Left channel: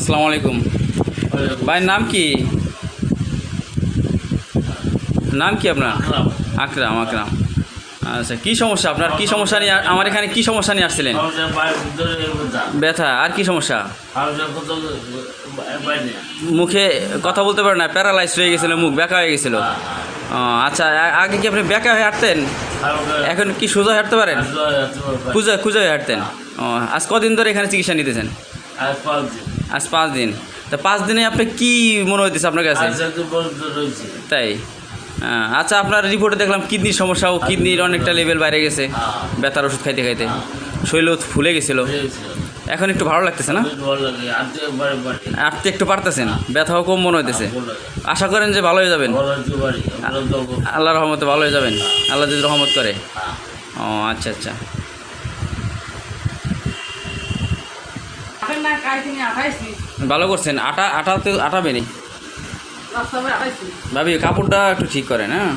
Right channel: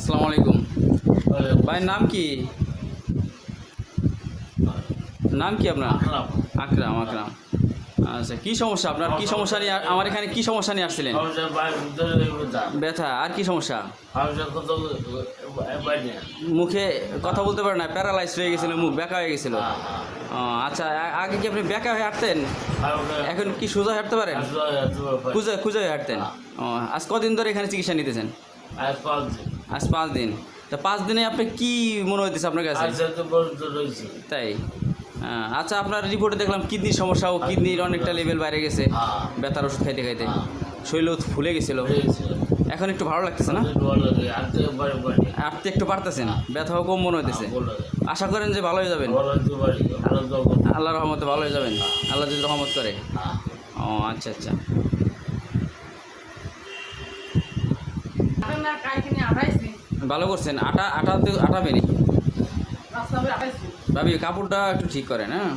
আসসালামু আলাইকুম। ভাই নাম কি? নাম কি আপনার? আকরাম। আকরাম, আচ্ছা। কি সমস্যা আপনার? কি সমস্যা নিয়ে আমার এখানে কি সমস্যা নিয়ে আসছিলেন? ব্যথা আর কি সমস্যা? মুখে কথা বলতে পারে না, প্যারালাইজ হয়ে গেছিল, মুখ ব্যাকা হয়ে গেছিল। আচ্ছা, আগে কি আপনি ব্যাকা হয়ে হাঁটতেন? এখন কি সোজা হাঁটতে পারেন? খুঁজে খুঁজে হয়ে হাঁটতেন। আজ কদিন ধরে এখানে চিকিৎসা নিতেছেন? আজ 5 দিন। তা 5 দিনে আপনি কি মনে হইতেছে আপনার কাছে? তাই? আচ্ছা, আপনার রিপোর্টে দেখলাম কিডনির সমস্যাও, কিডনির অনেকটা লেভেল বাইরে গেছে ব্যথার ওষুধ খাইতে খাইতে, শরীর ফুলে গেছিল। এখন একটু ভালো লাগতেছে না? আপনি একটু পারতেছেন, ব্যথাও কম মনে হইতেছে। আশা করেন যে ভালো হয়ে যাবেন। আল্লাহর রহমতে ভালো হয়ে যাবেন, আল্লাহ যদি রহমত করে। ও আচ্ছা আচ্ছা। ভালো করছেন। আটাতে আটা বেরি ভাবি, কাপড়টা একটু ঠিক করেন। হ্যাঁ,